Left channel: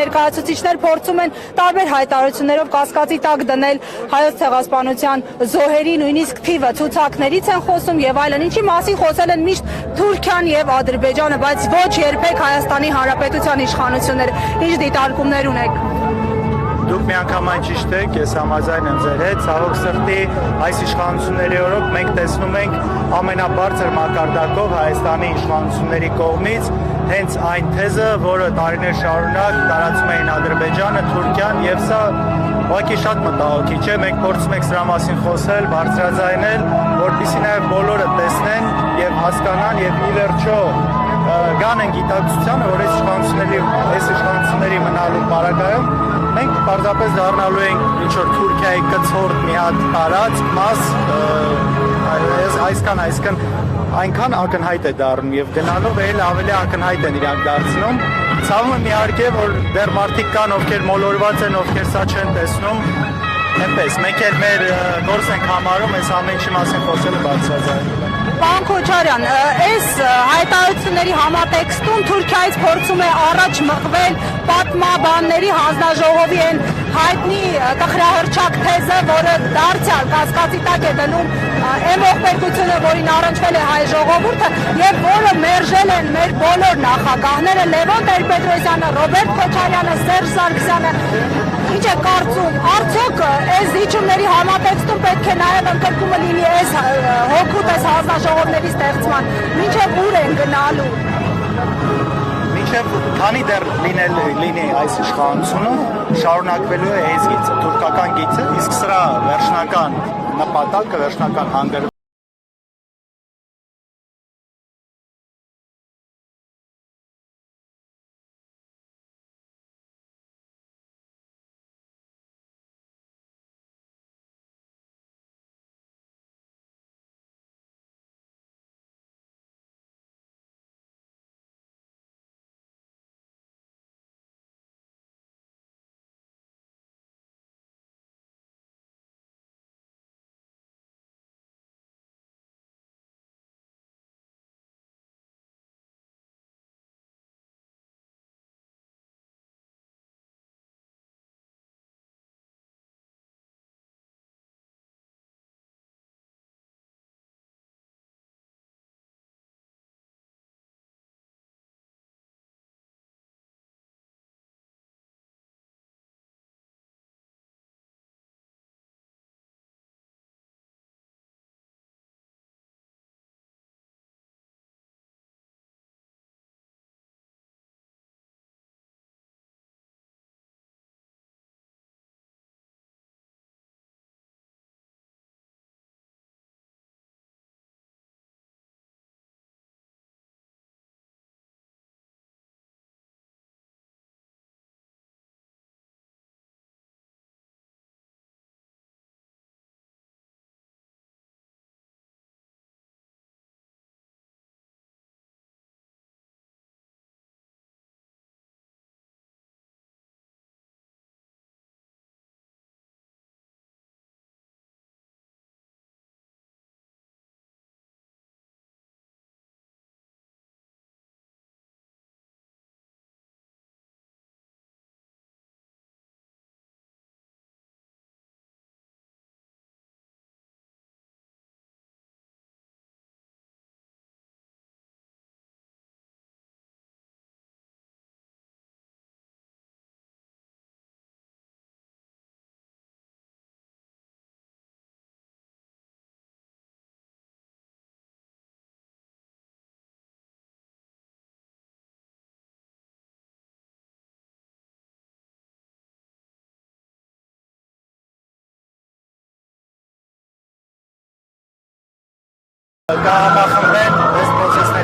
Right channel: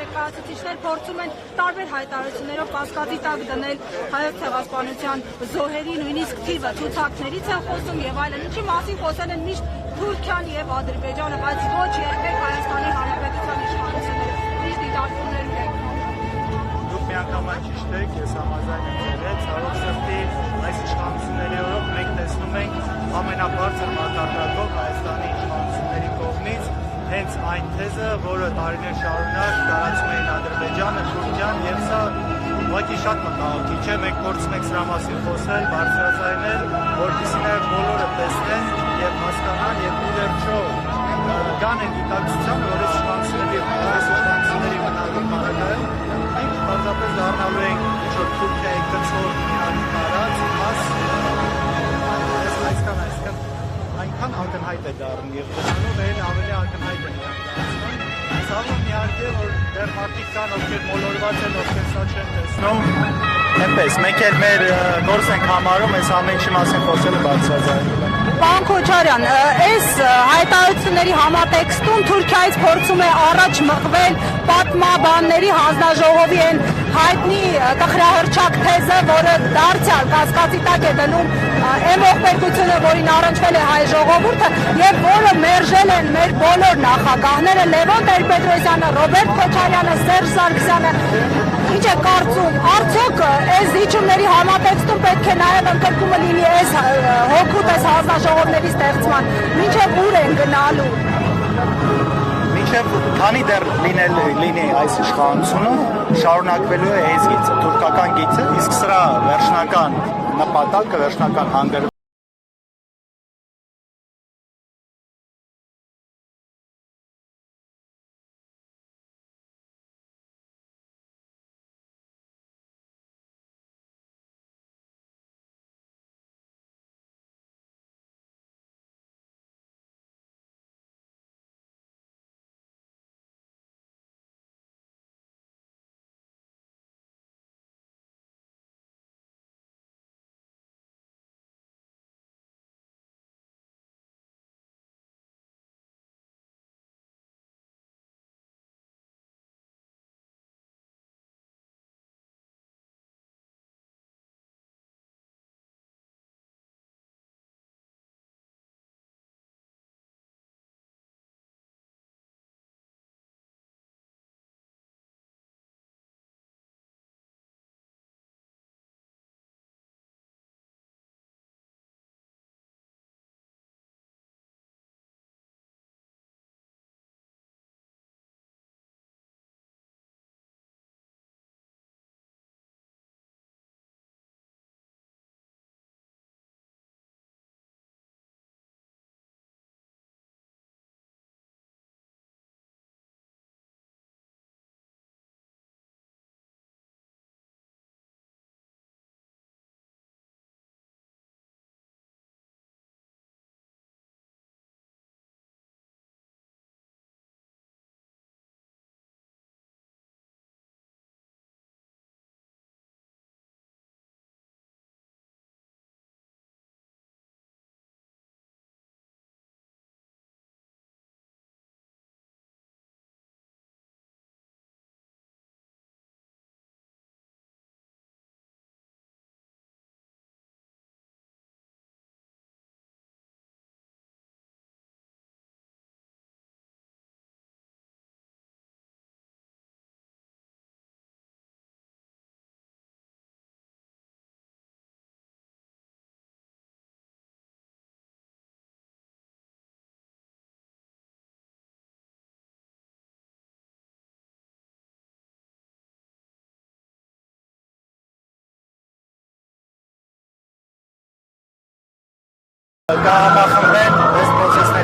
ներկայացուցիչներ փորձում են տարբեր հայտարարություններով կասկածի տակ դնել հայոց ցեղասպանության զոհերի նույնիսկ թիվը, ցուցակներից են խոսում եւ այլն, ինչի մասին խոսել են միշտ Թուրքիան եւ Ադրբեջանը, բայց ոչ երբեք Հայաստանի Հանրապետության իշխանությունները։ Ինչ դիտարկումներ ունեք։ Դուք միանգամայն ճիշտ եք, ես համաձայն եմ ձեր հետ, ցավոք սրտի այս իշխանությունների օրոք մենք տեսնում ենք ամենաբարձր մակարդակով Հայաստանի իշխանությունների կողմից հենց այն թեզը, որը տարիներ շարունակ տարածում էին Ադրբեջանը, Թուրքիան, եւ սա ուղղակի շատ մտահոգիչ է, մենք փորձում ենք սրա մասին խոսել, բարձրաձայնել, որպեսզի նաեւ բոլորը տեսնեն եւ հասկանան եւ ի վերջո գան են գիտակցությանը, որ այս իշխանությունների մնալու պարագայում մենք պարզապես դառնալու ենք ինչ-որ Թուրքիայի կցորդ մի հատ տարածք, մաս, այսքան այնքան ակնհայտ է դառնում եւ գնալով էլ ավելի ակնհայտ են իրանք դարձնում։ Ցավում եմ իհարկե, որ դեռ մարդիկ կան, ովքեր մոլորված են, ովքեր սա չեն տեսնում։ Այնպես, մենք էլ մեր գործ ենք համարում, այս ամեն ինչի մասին խոսելը բարձրաձայնել։ Պարոն Քոչարյան, այս հայտարարությունների համատեքստում Թուրքիայից փորձում է առաջ մղվել պատմաբանների հանձնաժողովի այն հայտնի տխրահռչակ թեզը, որը դարձյալ կասկածի տակ է դնում այն ողբերգությունը, որին առնչվել է հայ ժողովուրդը եւ որը մերժել են մեր բոլոր նախագահները Լևոն Տեր-Պետրոսյանը, Ռոբերտ Քոչարյանը, Սերժ Սարգսյանը։ Ինչ է կարծում, արդյոք այս զիջումների համատեքստում պետք է նաեւ ընդգրկումը լինի այս հոգուտ այս հանձնաժողովների ստեղծման, մինչեւ ուր են գնալու։ Մինչև քանի դեռ լինի այս իշխանությունը, շարունակվելու է այս գիծը, թուրքական գիծը, իսկ սրա վերջնական նպատակը, վերջնական հանգրվանը կհամախմբեն այս պրոցեսների